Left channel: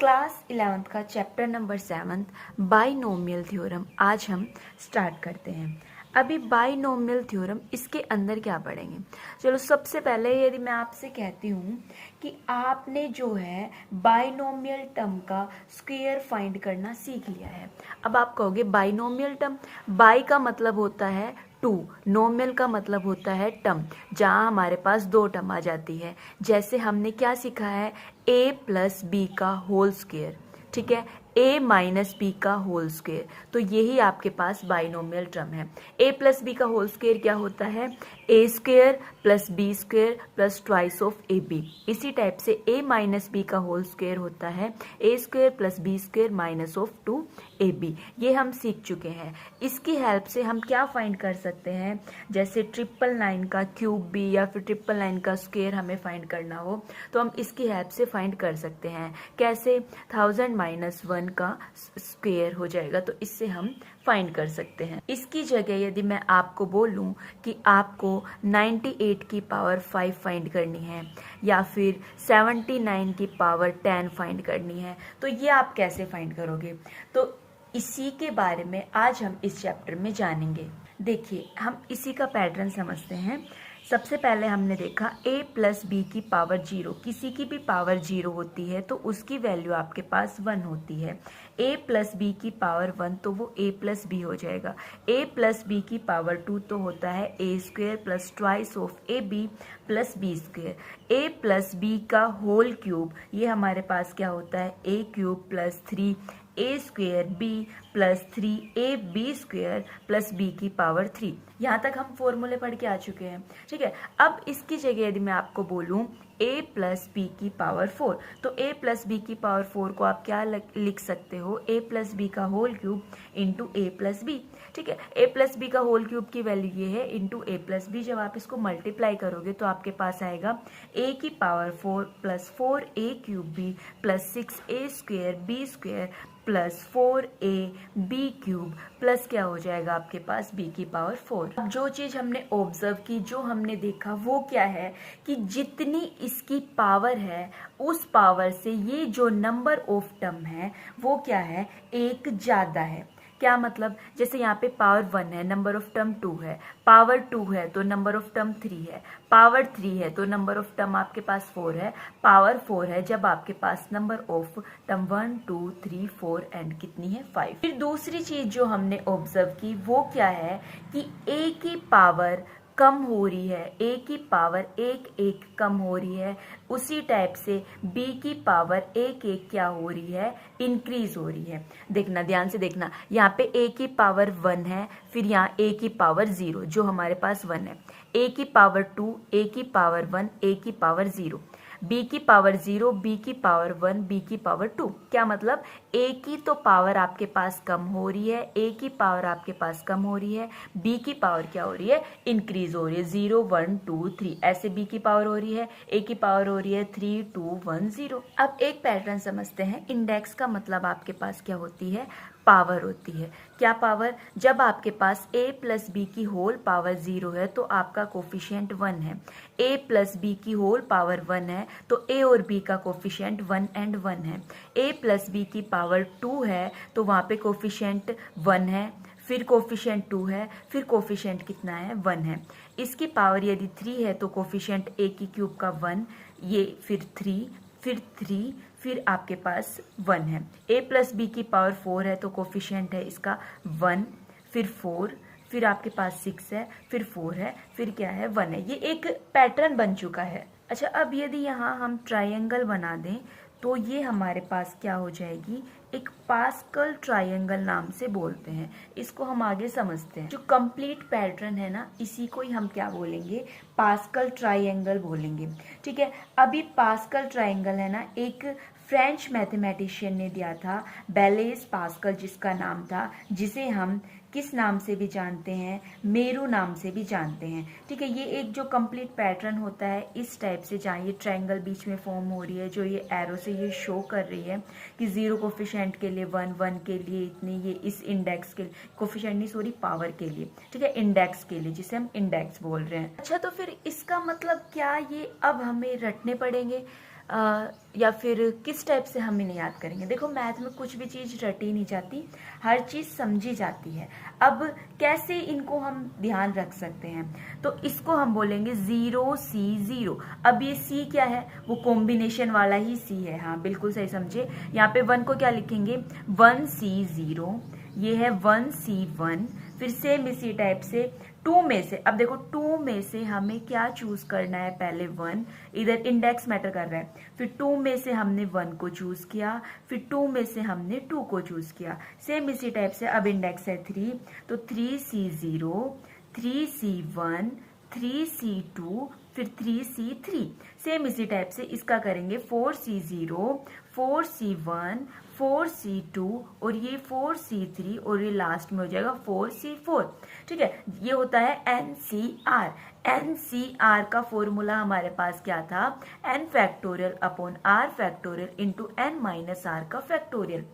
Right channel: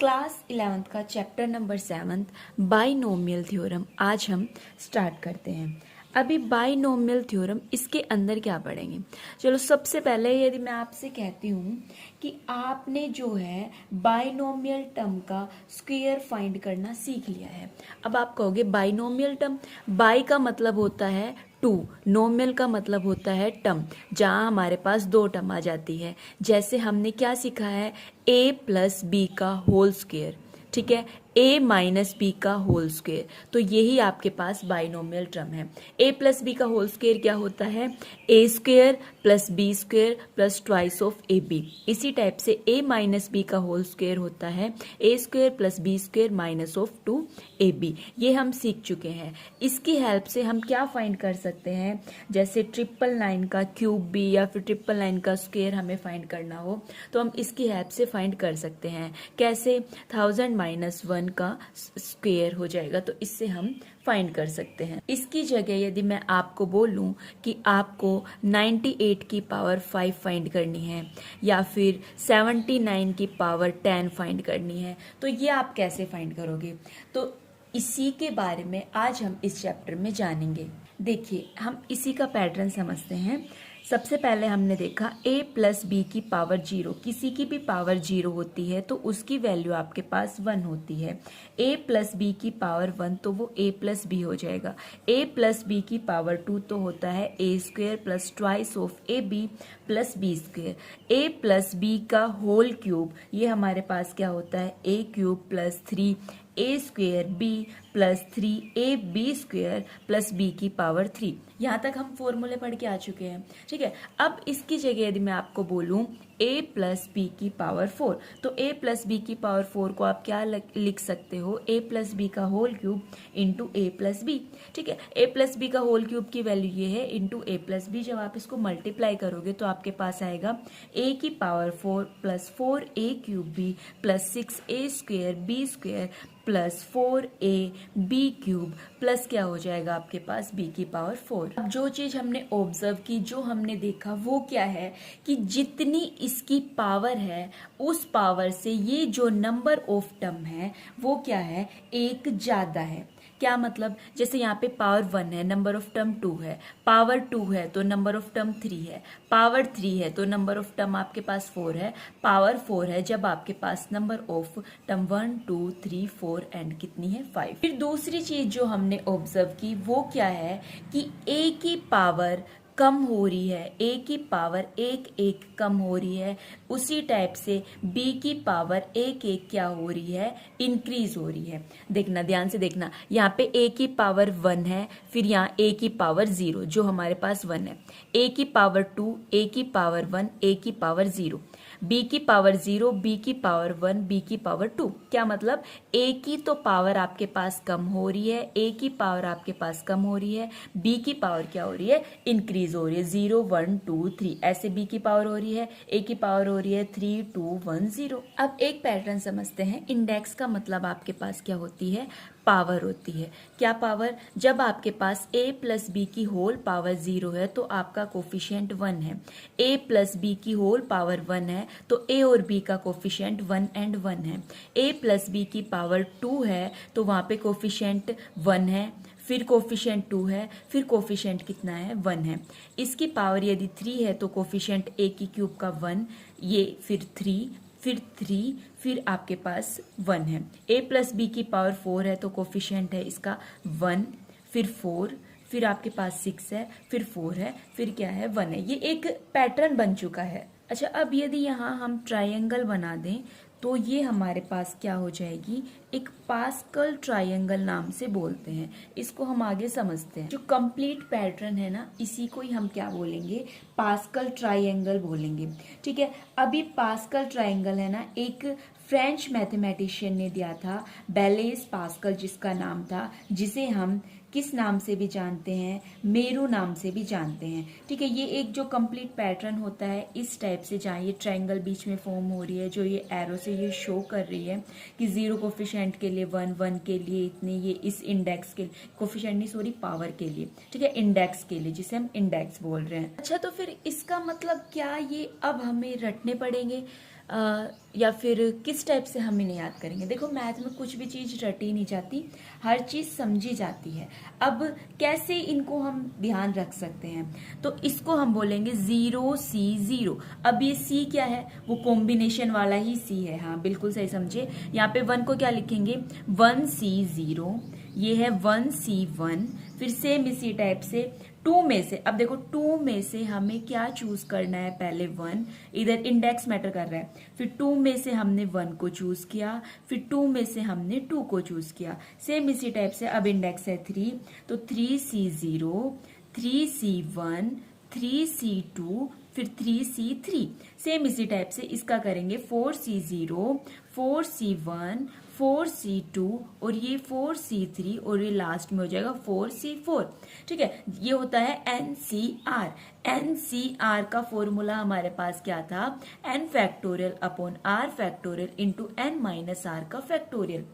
Class 11th का chapter number 7 binomial theorem आज हम स्टार्ट करते हैं। अभी बाइनोमियल थ्योरम इसके अंदर क्या पढ़ेंगे। चलो सबसे पहले यदि मैं आपसे कहती हूँ कि आपने जो है बाइनोमियल टर्म का स्क्वायर फाइंड करना सीख लिया है। अब आप कहोगे बाइनोमियल टर्म, बाई का मतलब होता है टू, नोमियल का मतलब होता है टर्म, जहाँ हमारे पास दो टर्म आ जाती है। जैसे हमने क्या सीखा है, a प्लस बी का होल स्क्वायर, ठीक है, a माइनस बी का होल स्क्वायर। तो यही आपके पास बाइनोमियल टर्म है। a प्लस बी का होल स्क्वायर क्या होता है, a square plus B square plus twice of A B. इसी टाइप से a माइनस बी का होल स्क्वायर होता है a square plus B square minus of 2ab। ये हम सीख चुके हैं। इसकी हेल्प से हम क्या फाइंड कर सकते हैं, जैसे 999 का क्यूब भी या फिर 999 का स्क्वायर हमें फाइंड करना हो तो हम इसकी हेल्प से फाइंड कर सकते हैं। कैसे, 1000 माइनस 1 का स्क्वायर हो जाएगा, तो इससे हम फाइंड कर सकते हैं। इसकी जगह यदि मैं आपको बोलूं कि आपको 98 की पावर 5 फाइंड करनी है या फिर 79 की पावर 10 फाइंड करनी है, तो ये आप कैसे फाइंड करोगे। तो इसी के बारे में आज हम इस चैप्टर में जानेंगे। देखिए, हम इसी का पैटर्न समझते हैं। सबसे पहले हमने देखा a प्लस बी की पावर 0, किसी की भी पावर 0 होती है तो उसकी वैल्यू आपके पास 1 होती है। a प्लस बी की पावर 1 तो वो a प्लस बी हो जाएगा। a प्लस बी की पावर 2 तो होता है a square plus twice of A B plus B square. a plus B का होल क्यूब, ये हमारे पास क्या होता है, a cube plus 3 a square B plus 3ab square plus b की पावर 3। यहाँ तक हम फॉर्मूले पढ़ के आ चुके हैं, ठीक है। अब इसकी जगह यदि मैं आपको बोलूँ a प्लस बी की पावर 4, तो a प्लस बी की पावर 4 को आप क्या लिख सकते हो, a प्लस बी का whole cube into a plus B, ठीक है। a प्लस बी का होल क्यूब की वैल्यू ये है इंटू a प्लस बी। जब आप इसको मल्टीप्लाई करोगे तो आपके पास आएगा a की power 4 plus 4a cube b plus 6a square b square plus 4a b cube plus क्या हो जाएगा आपके पास b की पावर 4। अब जो चीज हमने ऑब्जर्व की, जो हमने देखा वो क्या है कि जितनी इसकी पावर है उस पावर से ये जो नंबर ऑफ टर्म है वो क्या है, एक ज्यादा है। क्या मतलब, जैसे यहाँ पे पावर 1 है, नंबर ऑफ टर्म 2 है, पावर 2 है तो नंबर ऑफ टर्म 3 है, पावर 3 है तो नंबर ऑफ टर्म आपके पास 4 है, पावर 4 है जब आपके पास नंबर ऑफ टर्म 1 2 3 4 एंड कितनी है, 5। फिर दूसरी चीज जो हमने ऑब्जर्व की वो क्या है कि a की पावर कम हो रही है, a की पावर एक एक कम हो रही है, उसी टाइप से b की पावर एक एक क्या हो रही है, इंक्रीज हो रही है। देखना, ध्यान से देखना, यहाँ पे a की पावर 1 है, फिर यहाँ a की पावर 0 जो हमारे पास 1 है, a की पावर 2, a की पावर 1, a की पावर 0, b की पावर 0, b की पावर 1, b की पावर 2। क्या मतलब, a की तो पावर आपके पास कम हो रही है, a की पावर आपके पास कम हो रही है, b की पावर क्या हो रही है, इंक्रीज हो रही है, 0 1 2 3 ऐसे b की पावर हो रही है, a की पावर हो रही है 3 2 1 0। अब एक पैटर्न समझते हैं। इंडेक्स का मतलब आपके पास क्या होती है, पावर होती है। क्या पावर, जब आपके पास a प्लस बी की होल पावर 0 है तो आपका कोफिशिएंट 1 है, a प्लस बी की होल पावर 1 है तो a और b का कोफिशिएंट 1 एंड 1 है। a प्लस बी की पावर 2 है तो वहां पे कोफिशिएंट 1 है, फिर कोफिशिएंट 2 है, फिर कोफिशिएंट कितना है, 1 है। इसकी पावर यदि 3 है तो कोफिशिएंट a की क्यूब का 1, ये फिर 3, फिर 3, फिर आपके पास 1 है। a प्लस बी की पावर 4 है तो कोफिशिएंट है इसका 1, फिर 4, फिर आपके पास 6 है, फिर 4 है, फिर क्या है, 1 है। ये एक पैटर्न बन चुका है। अच्छा, अब यदि यहाँ हम ट्रायंगल बना दें तो ये हमारे पास क्या हो जाएगी, एक पास्कल ट्रायंगल नाम से बोलते हैं। इसको हम आगे समझते हैं। जो कंप्लीट पैटर्न है ना, इसी को ही हम क्या बोलेंगे, पास्कल ट्रायंगल बोलेंगे, ठीक है। अभी पास्कल ट्रायंगल है ना, एक फ्रेंच मैथमेटिशियन ने दिया था, बेलेज पास्कल जिसका नाम था, जिसे हम किस नाम से भी जानते हैं, मेरू नाम से भी जानते हैं, ठीक है। ये एक जो कंप्लीट पैटर्न होता है इस टाइप से, जहाँ ये ट्रायंगल बीच में फॉर्म हो रही है, जो ये एरो से ये शो कर रही है कि 0 कोफिशिएंट के लिए 1, 1 के लिए इतनी, ये इस इंडेक्स के कोफिशिएंट नहीं सॉरी पावर के लिए, ठीक है, इंडेक्स के लिए, जिसे हम इंडेक्स बोल रहे हैं। अच्छा, तो फिर इसका मतलब क्या, ये अब हमें रटने पड़ेंगे। या फिर किस टाइप से हम इन्हें याद करेंगे? देखो मैथ में कुछ भी चीज रटी नहीं जाती, हर चीज समझी जाती है। अब कैसे इनको हम ध्यान रख सकते हैं? तो इसको हम बोलेंगे 0C0। अब ये C क्या है? वो कॉम्बिनेशन वाला ही C है। हाँ बिल्कुल सही समझे। यहाँ पे 1 को क्या लिखेंगे? 1C0, ये है 1C1। फिर सेम इसी टाइप से 2 में से, अब देखो 2 में से हमें क्या चूज करना है? पहले 1, इधर इंडेक्स मैटर कर रहा है। फिर 2 में से हमने 1 को चूज किया, फिर 2 में से हमने 2 को चूज किया। सेम इसी टाइप से अब इंडेक्स है 3, तो 3C0, 3C1, 3C2, फिर 3C3। सेम इसी टाइप से इसका करेंगे 4C0, 4C1, 4C2 और ये 4C3 और ये लास्ट में हो जाएगा 4C4। ठीक है, ये होता है NCR। NCR का फॉर्मूला हमारे पास क्या था? n factorial upon r factorial into n minus r का फैक्टोरियल।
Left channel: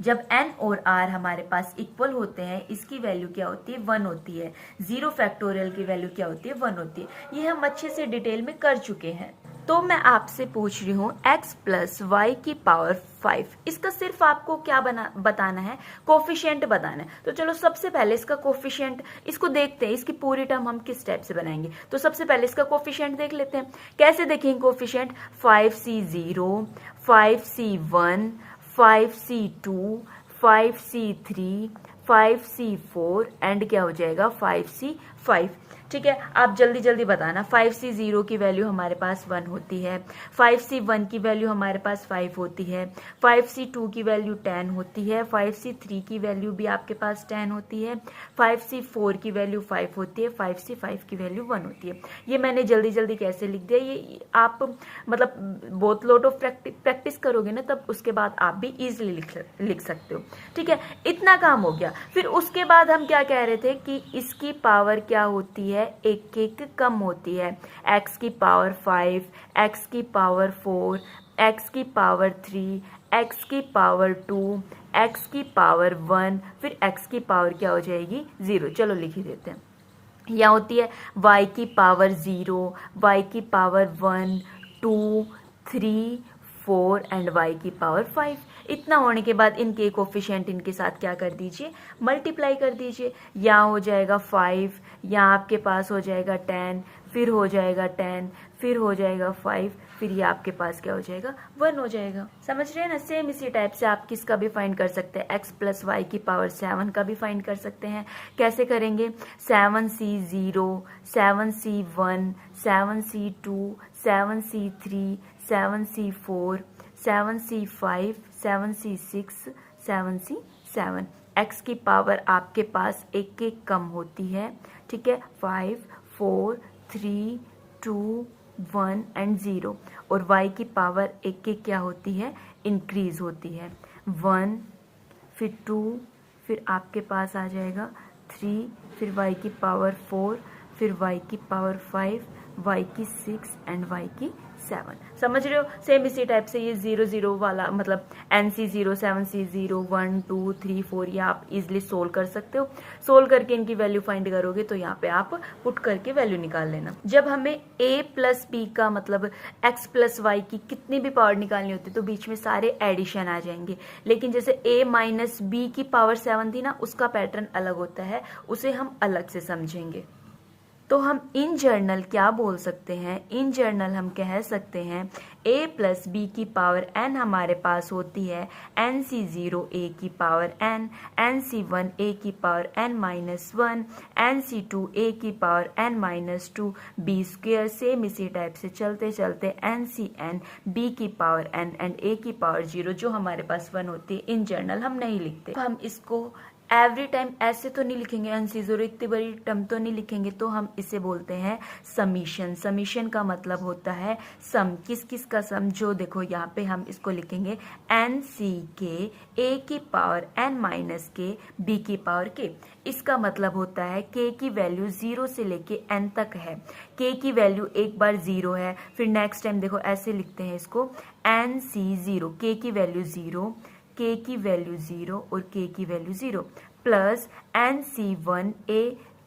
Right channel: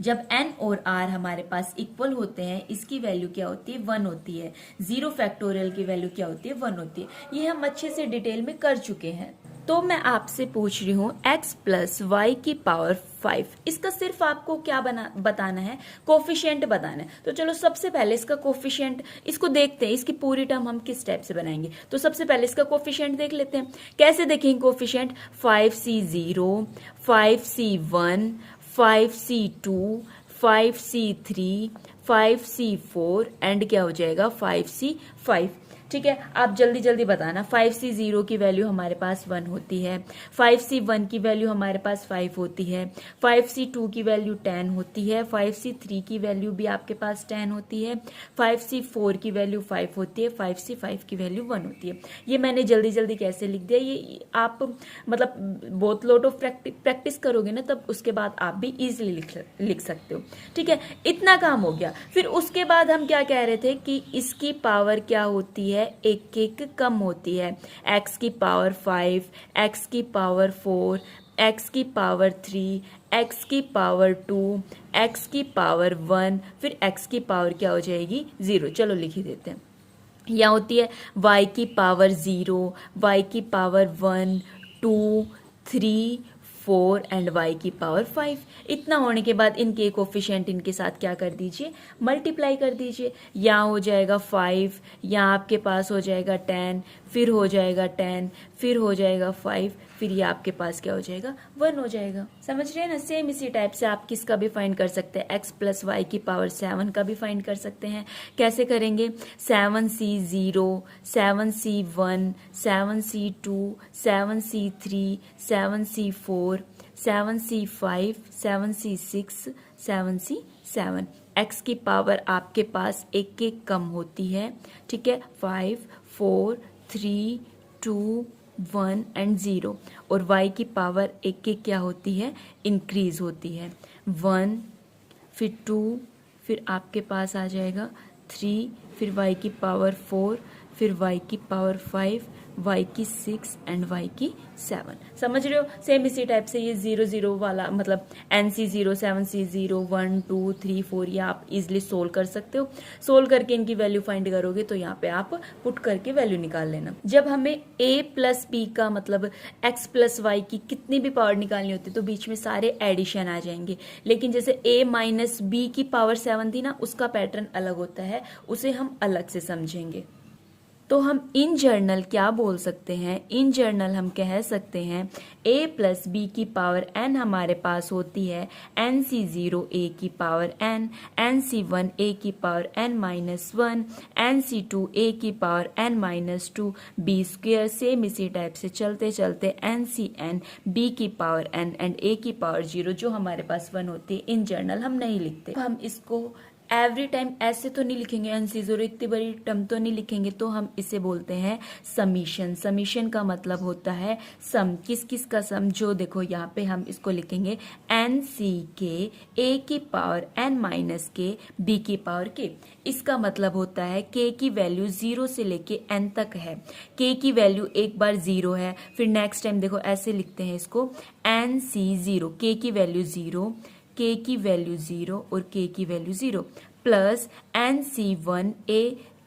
जब n और r हमारे पास इक्वल होते हैं, इसकी वैल्यू क्या होती है? 1 होती है। 0 फैक्टोरियल की वैल्यू क्या होती है? 1 होती है। ये हम अच्छे से डिटेल में कर चुके हैं। तो मैं आपसे पूछ रही हूँ x प्लस वाई की पावर 5, इसका सिर्फ आपको क्या बताना है? कोफिशिएंट बताना है। तो चलो सबसे पहले इसका कोफिशिएंट, इसको देखते हैं, इसकी पूरी टर्म हम किस टाइप से बनाएंगे। तो सबसे पहले इसका कोफिशिएंट देख लेते हैं। कैसे देखेंगे coefficient? 5C0, 5C1, 5C2, 5C3, 5C4 and क्या हो जाएगा? 5C5। ठीक है, आप जल्दी जल्दी बताना। 5C0 की वैल्यू हमारे पास 1 होती है, 5C1 की वैल्यू हमारे पास 5 होती है, 5C2 की वैल्यू 10 होती है, 5C3 की वैल्यू भी आपके पास 10 होती है, 5C4 की वैल्यू 5 होती है, 5C5 की वैल्यू 1 होती है। ये मैंने जल्दी जल्दी कैसे लिख दिया? ये आप मतलब बहुत लॉट ऑफ प्रैक्टिस करोगे ना, तब उसके बाद आप भी इजिली लिख सकते हो। ठीक है, इतना काम हो गया। फिर उसके बाद हम क्या कह रहे थे कि इसकी पावर क्या होती है? एक एक कम होती है। x की पावर 5, x की पावर 4, x की पावर 3, x की पावर 2, x की पावर 1, फिर x की पावर क्या हो जाएगी? 0। चलो लिख ही देते हैं। यहाँ होती है y की पावर 0, y की पावर 1, 2, 3, 4 एंड y की पावर 5। इतना होने के बाद इनके कोफिशिएंट इनके साथ क्या कर दीजिए? मल्टीप्लाई कर दीजिए। यहाँ हो जाएगा 5, यहाँ आपके पास हो जाएगा 10, फिर हो जाएगा 10, फिर हो जाएगा 5, फिर ये आपके पास क्या हो जाएगा? 1 हो जाएगा। समझ रहे हैं ना? सेम इसी टाइप से आप किसका भी फाइंड कर सकते हैं, x प्लस वाई की पावर 7 का भी फाइंड कर सकते हैं। कैसे करेंगे? 7C0, 7C1, 7C2, 7C3, 7C4, 7C5, 7C6, 7C7। x की पावर आपके पास एक एक कम होती है। ठीक है, 5, 4, 3, 2, 1 एंड 0। और y की पावर एक एक क्या होती है? इंक्रीज होती है। 1, फिर 2, फिर आपके पास आ जाएगा 3, फिर y की पावर 4, फिर y की पावर 5, y की 6 एंड y की 7। समझ रहे हो? सेम इसी टाइप से ये 0 0 वाला मतलब NC0, 7C0, 1, 2, 3, 4 ये आप इजिली सोल्व कर सकते हो। सोल्व करके इनकी वैल्यू फाइंड करोगे तो यहाँ पे आप पुट करके वैल्यू निकाल लेना। जब हमें a प्लस b का मतलब x प्लस वाई की कितनी भी पावर निकालनी होती है तो बीच में सारे एडिशन आ जाएंगे। लेकिन जैसे a माइनस b की पावर 7 थी ना, उसका पैटर्न अलग होता है, उसे हम अलग से समझेंगे। तो हम इन जर्नल क्या बोल सकते हैं? इन जर्नल हम कह सकते हैं a प्लस बी की पावर n हमारे पास होती है NC0 a की पावर n, NC1 a की power n minus 1, NC2 a की power n minus 2, b square. Same इसी टाइप से चलते चलते NCn b की पावर n एंड a की पावर 0 जो हमारे पास 1 होती है। इन जर्नल हम नहीं लिखते। हम इसको एवरी टाइम ऐसे तो नहीं लिखेंगे, NC0 इतनी बड़ी टर्म तो नहीं लिखेंगे, तो हम इसे बोलते हैं समीशन। समीशन का मतलब होता है सम। किस किस का सम? जो देखो यहाँ पे हम इसको लिखेंगे NC के a की पावर n माइनस के b की पावर k। इसका मतलब होता है k की वैल्यू 0 से लेके n तक है। k की वैल्यू एक बार 0 है, फिर नेक्स्ट टाइम देखो ऐसे लिखते हैं इसको NC0, k की वैल्यू 0, k की वैल्यू 0 और k की value 0 plus NC1 a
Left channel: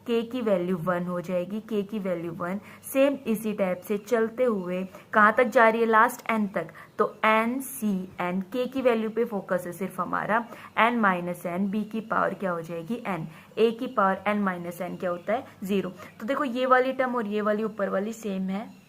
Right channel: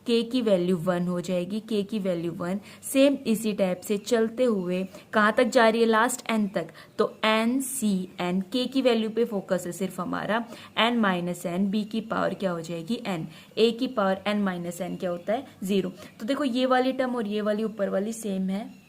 k की वैल्यू 1 हो जाएगी, k की वैल्यू 1। सेम इसी टाइप से चलते हुए कहाँ तक जा रही है, लास्ट n तक, तो n c n, k की वैल्यू पे फोकस है सिर्फ हमारा, n माइनस n, b की पावर क्या हो जाएगी n, a की पावर n माइनस n क्या होता है 0। तो देखो ये वाली टर्म और ये वाली ऊपर वाली सेम है,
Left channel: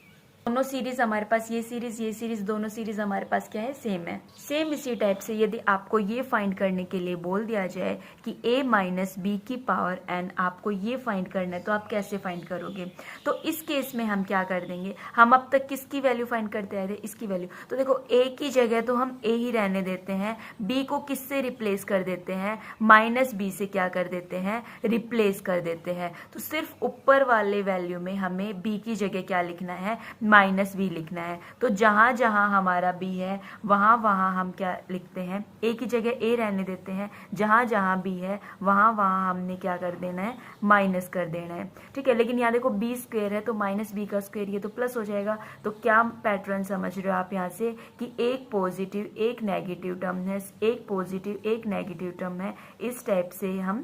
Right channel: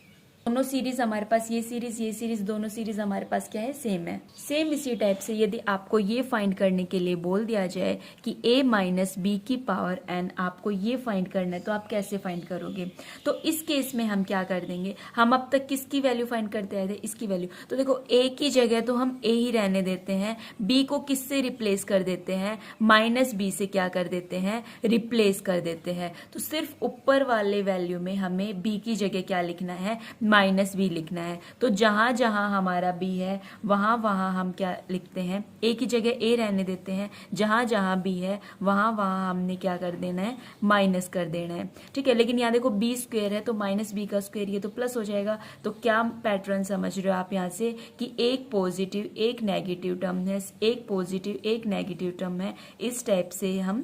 दोनों सीरीज हमारे पास, ये सीरीज दोनों सीरीज हमारे पास क्या है, सेम है। सेम इसी टाइप से यदि आपको ये फाइंड करने के लिए बोल दिया जाए कि a माइनस बी की पावर n, आपको ये फाइंड करना है, तो आप कैसे फाइंड करोगे। तो इस केस में हम क्या कर देंगे, हम अब तक किसकी वैल्यू फाइंड करते आए थे, इसकी वैल्यू। तो देखो a की जगह तो हम a ही रहने देते हैं, b को किससे रिप्लेस कर देते हैं, माइनस b से क्या कर देते हैं, रिप्लेस कर देते हैं। तो सिर्फ ऊपर वाले वैल्यू में हमें b की जगह क्या लिखना है, माइनस बी लिखना है। तो जहां जहां हमारा बी है वहां वहां हम क्या लिखते हैं, ए की जगह ए रहने देते हैं, जहां जहां बी है वहां वहां हमने क्या कर देना है, माइनस कर देना है। ठीक है, लेकिन यहाँ देखो बी स्क्वायर है तो माइनस बी का स्क्वायर, ये तो प्लस हो जाएगा। तो क्या पैटर्न समझ रहे हो आप यहाँ से कि एक पॉजिटिव एक नेगेटिव टर्म है, एक पॉजिटिव एक नेगेटिव टर्म है, इस टाइप से हम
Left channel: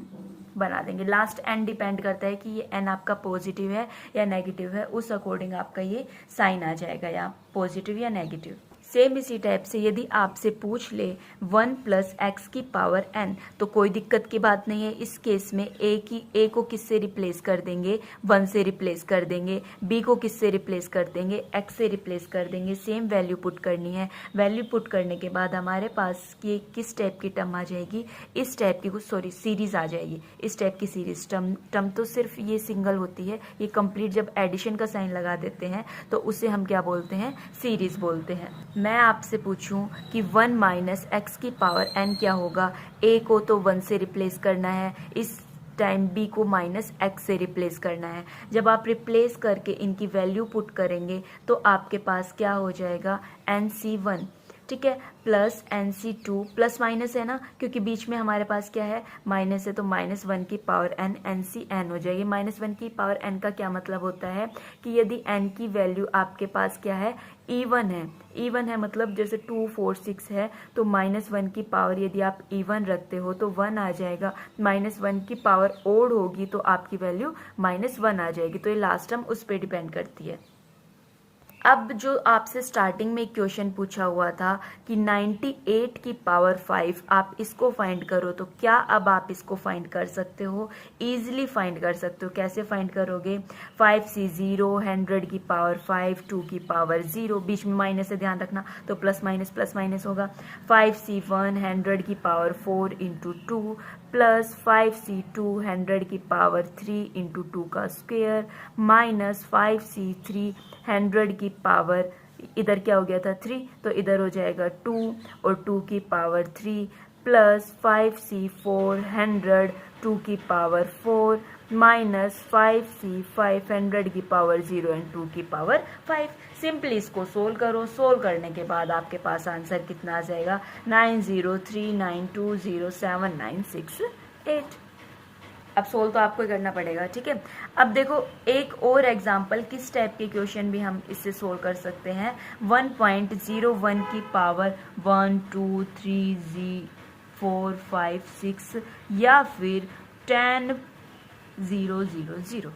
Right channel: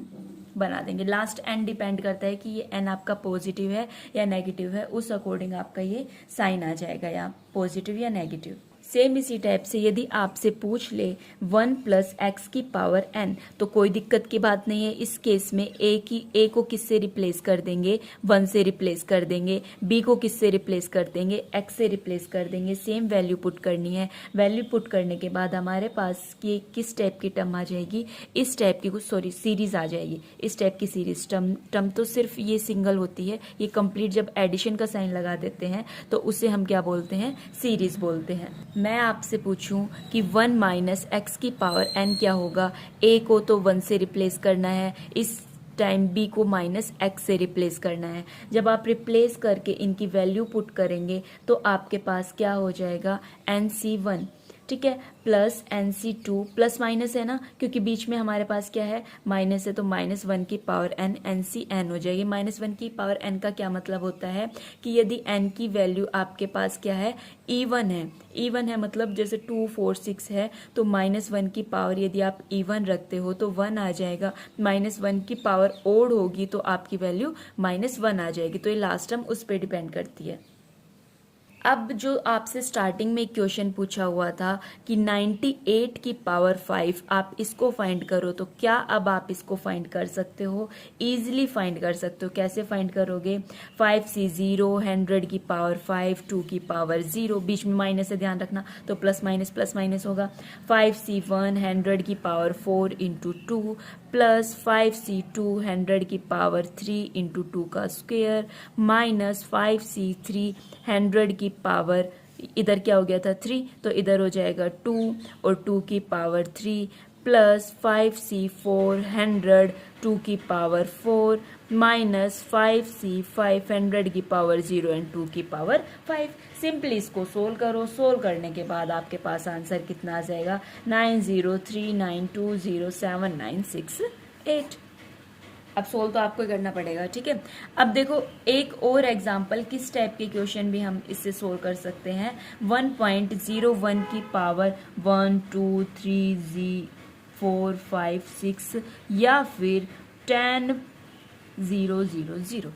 बना देंगे। लास्ट एन डिपेंड करता है कि ये एन आपका पॉजिटिव है या नेगेटिव है, उस अकॉर्डिंग आपका ये साइन आ जाएगा, या पॉजिटिव या नेगेटिव। सेम इसी टाइप से यदि आपसे पूछ ले 1 प्लस एक्स की पावर n, तो कोई दिक्कत की बात नहीं है। इस केस में a को किससे रिप्लेस कर देंगे, 1 से रिप्लेस कर देंगे, b को किससे रिप्लेस कर देंगे, x से रिप्लेस कर देंगे। सेम वैल्यू पुट करनी है, वैल्यू पुट करने के बाद हमारे पास ये किस टाइप की टर्म आ जाएगी, इस टाइप की, सॉरी सीरीज आ जाएगी, इस टाइप की सीरीज। टर्म तो सिर्फ ये सिंगल होती है, ये कंप्लीट जब एडिशन का साइन लगा देते हैं तो उसे हम क्या बोलते हैं, सीरीज बोलते हैं। मैं आपसे पूछूं कि 1 माइनस एक्स की पावर n क्या होगा, a को तो 1 से रिप्लेस करना है, इस टाइम b को माइनस एक्स से रिप्लेस करना है। जब आप रिप्लेस करके इनकी वैल्यू पुट करेंगे तो आपके पास क्या हो जाएगा, nc1, ठीक है, प्लस nc2, प्लस माइनस है ना, क्योंकि बीच में हमारे पास क्या है, माइनस है, तो माइनस 1 की पावर n, ncn हो जाएगी। माइनस 1 की पावर n का क्या मतलब होता है कि यदि n की वैल्यू आपके पास क्या है, even है, even है मतलब जैसे 2 4 6 है, तो माइनस 1 की पावर यदि आप even रखते हो तो 1 आ जाएगा, माइनस 1 की पावर ओड होगी तो आपकी वैल्यू माइनस 1 आ जाएगी। तो ये लास्ट टर्म उस पर डिपेंड करती है। अब जो आपसे स्टार्टिंग में क्वेश्चन पूछा हुआ था कि 98 की पावर 5 आप इसको फाइंड करो, तो क्या अब आप इसको फाइंड कर सकते हो, इजीली फाइंड कर सकते हो। कैसे फाइंड करोगे, 5c 0, 100 की पावर 5, 2 की पावर 0, बीच में माइनस है ध्यान रखना, तो प्लस माइनस होगा। 5c 1, 100 की पावर 4 इंटू 2, प्लस 5c 2, 100 की पावर 3 इंटू 2 का स्क्वेयर, माइनस 5c 3, 100 की पावर, इधर क्या हो गया था 3, तो इधर हो जाएगा 2 और 2 की पावर 3, प्लस 5c 4, 100, 2 की पावर 4, माइनस 5c 500 की पावर 0 एंड 2 की पावर 5। सिंपली इसको सोल्व करो, सोल्व करने के बाद आपके पास आंसर कितना आ जाएगा, 9039207968। अब सोल्व तो आपको करना पड़ेगा, ठीक है। अब देखो एक और एग्जांपल, किस टाइप के क्वेश्चन भी हम इससे सोल्व कर सकते हैं। 1.01 की पावर 1 2 3 4 5 6 या फिर 10,000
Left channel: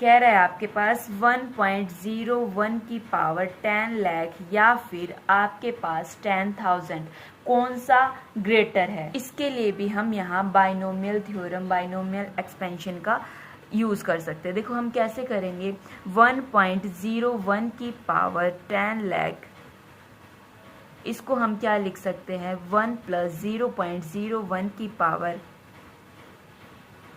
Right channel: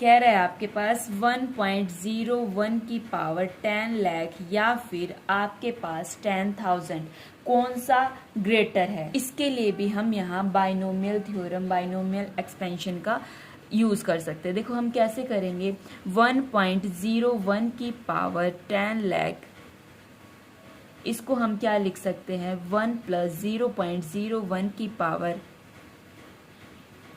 कह रहा है आपके पास 1.01 की पावर 10 लाख या फिर आपके पास 10,000, कौन सा ग्रेटर है। इसके लिए भी हम यहाँ बाइनोमियल थ्योरम, बाइनोमियल एक्सपेंशन का यूज कर सकते हैं। देखो हम कैसे करेंगे, 1.01 की पावर 10 लाख, इसको हम क्या लिख सकते हैं, 1 प्लस 0.01 की पावर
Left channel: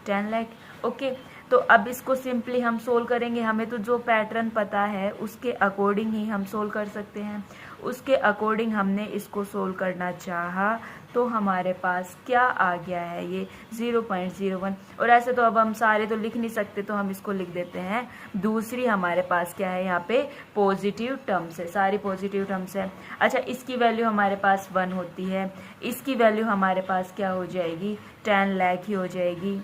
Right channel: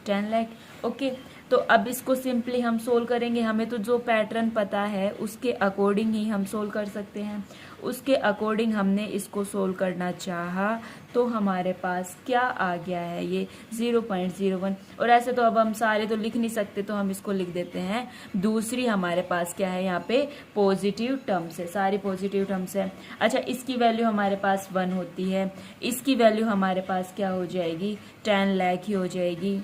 10 लाख। ओके, तो अब इसको सिंपली हम सोल्व करेंगे। हमें तो जो पैटर्न पता है उसके अकॉर्डिंग ही हम सोल्व कर सकते हैं। उसके अकॉर्डिंग हमने इसको सोल्व करना चाहा तो हमारे पास क्या आ गया है, ये 0.01। और ऐसे तो अब हम सारे तो लिख नहीं सकते, तो हम इसको लिख देते हैं। दूसरी हमारे पास क्या है, यहाँ पे पॉजिटिव टर्म्स है, सारी पॉजिटिव टर्म्स है। अच्छा, इसकी वैल्यू हमारे पास 1 होती है, इसकी वैल्यू हमारे पास क्या हो जाएगी, 10 लाख ही हो जाएगी,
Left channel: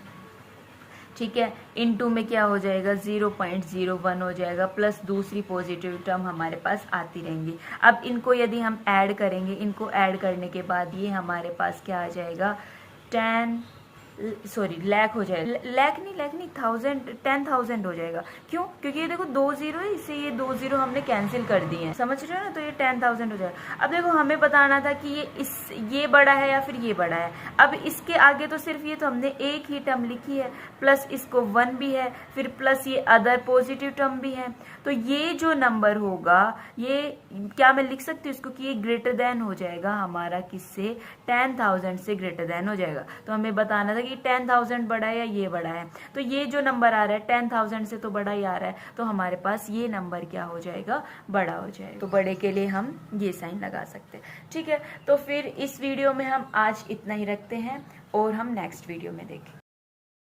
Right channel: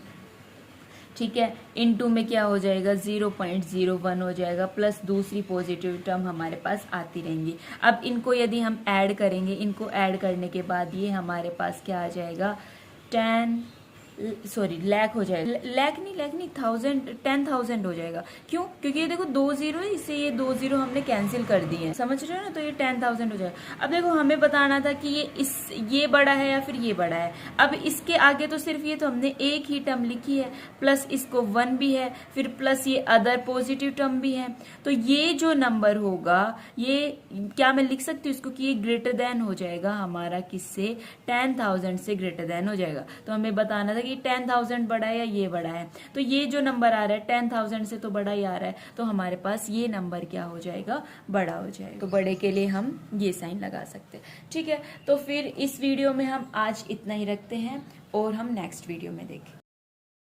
ठीक है। इनटू में क्या हो जाएगा, 0.01 हो जाएगा, प्लस दूसरी पॉजिटिव टर्म हमारे पास आती रहेंगी। अब इनको यदि हम ऐड करेंगे, इनको ऐड करने के बाद ये हमारे पास क्या आ जाएगा, 10 सॉरी लैख हो जाएगा, लैख नहीं 10,000 हो जाएगा। क्यों? क्योंकि ये देखो 2 जीरो है, इससे ये 2 जीरो हमने कैंसिल कर दिए हैं, समझ रहे हो ना, तो ये 10,000 हो जाएगा। अब देखो हमें बताना था कि ये बड़ा है या फिर ये बड़ा है। अब इसके आगे तो सिर्फ ये तो हमने एक ही टर्म लिखी है, प्लस इसको 1 भी है, फिर प्लस ये अदर पॉजिटिव टर्म भी है। तो ये जो नंबर होगा, ये क्या मैं लिख सकती हूँ इसको कि ये ग्रेटर देन हो जाएगा हमारा किससे, 10,000 से ग्रेटर देन हो जाएगा। तो हमें बताना था कि 10,000 बड़ा है या ये बड़ा है। तो ये जो नंबर आ रहा है 10,000 से तो बड़ा ही आ रहा है, तो हमारे पास ये नंबर क्या हो जाएगा, बड़ा हो जाएगा। तो बड़े के लिए हम ये साइन लगा सकते हैं। ठीक है, तो फिर इस वीडियो में हम आज इतना ही रखते हैं और हम नेक्स्ट वीडियो में देखें।